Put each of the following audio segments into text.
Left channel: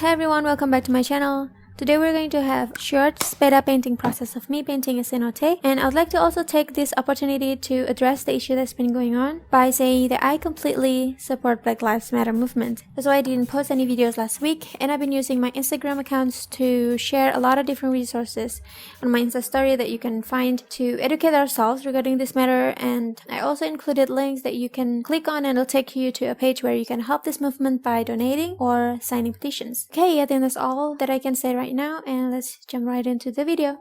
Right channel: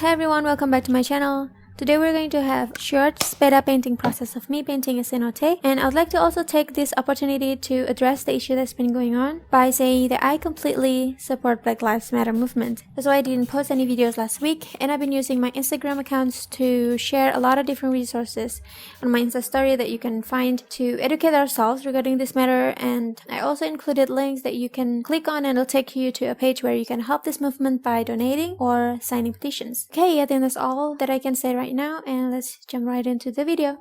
Hey everyone, welcome back to my channel. Today we're going to have short sped up painting process of me painting a cenote, and I would like to also take this opportunity to address the issue that's been going on by saying that I completely support Black Lives Matter movement. That's why I didn't post any videos last week, and I've been using my Instagram accounts to share a lot of different resources on my Insta story that you can find to educate ourselves regarding this matter, and I also included links that you can click on and it'll take you to a page where you can help this movement by donating or signing petitions. Okay, I think that's all that I can say right now, and let's jump right into the video.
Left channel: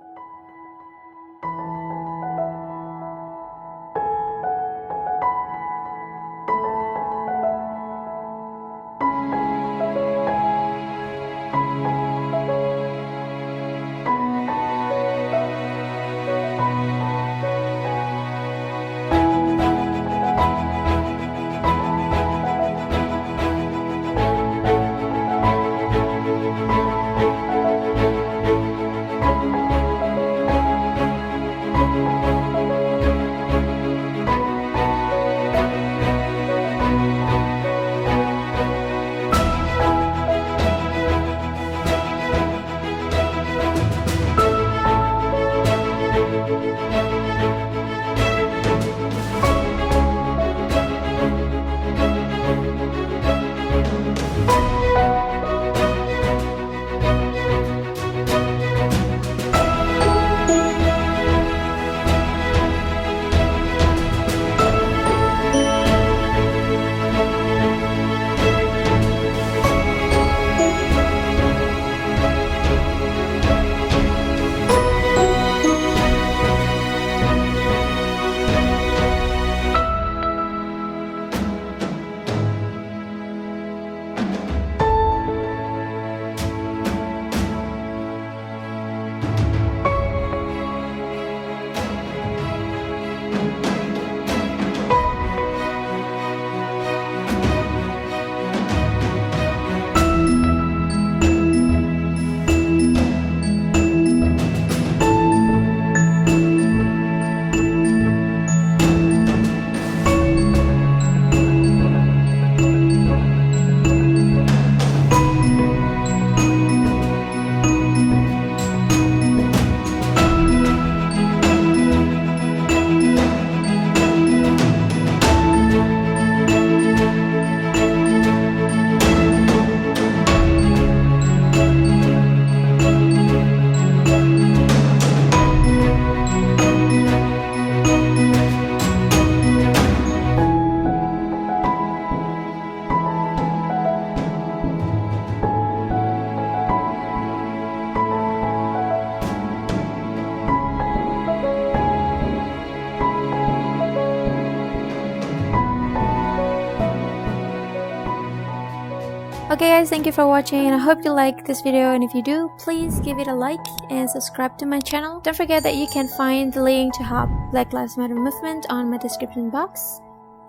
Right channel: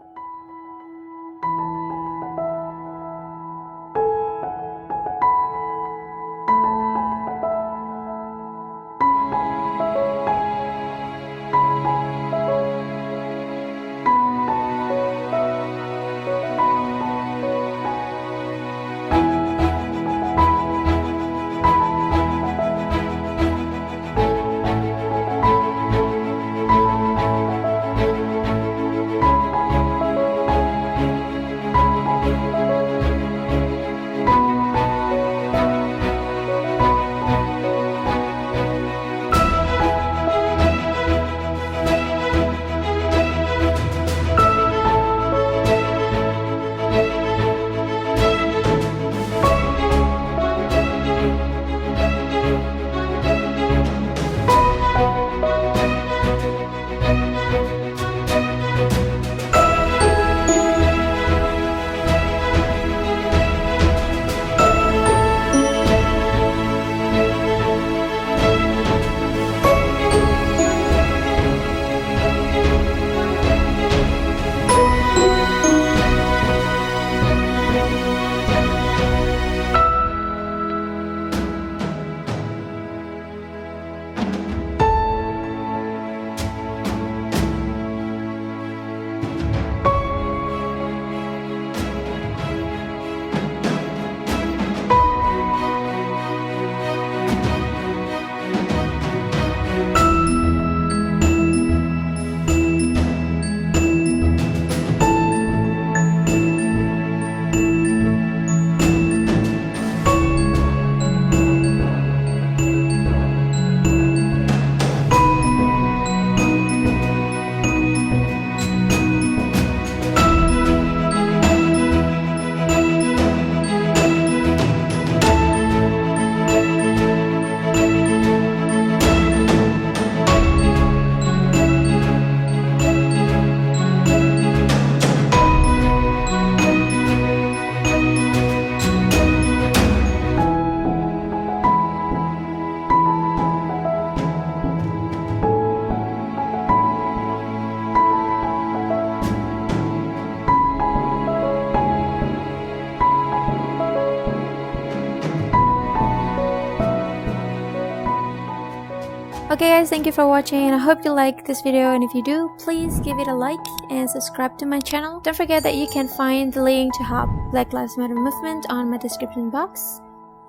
Okay guys, thank you for watching, and I hope you like this video, and if you do, please give it a like and subscribe to my channel. Don't forget that you can find the link to help Black Lives Matter movement on my description box.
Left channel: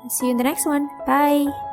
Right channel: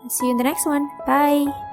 I'll see you in the next one. Bye!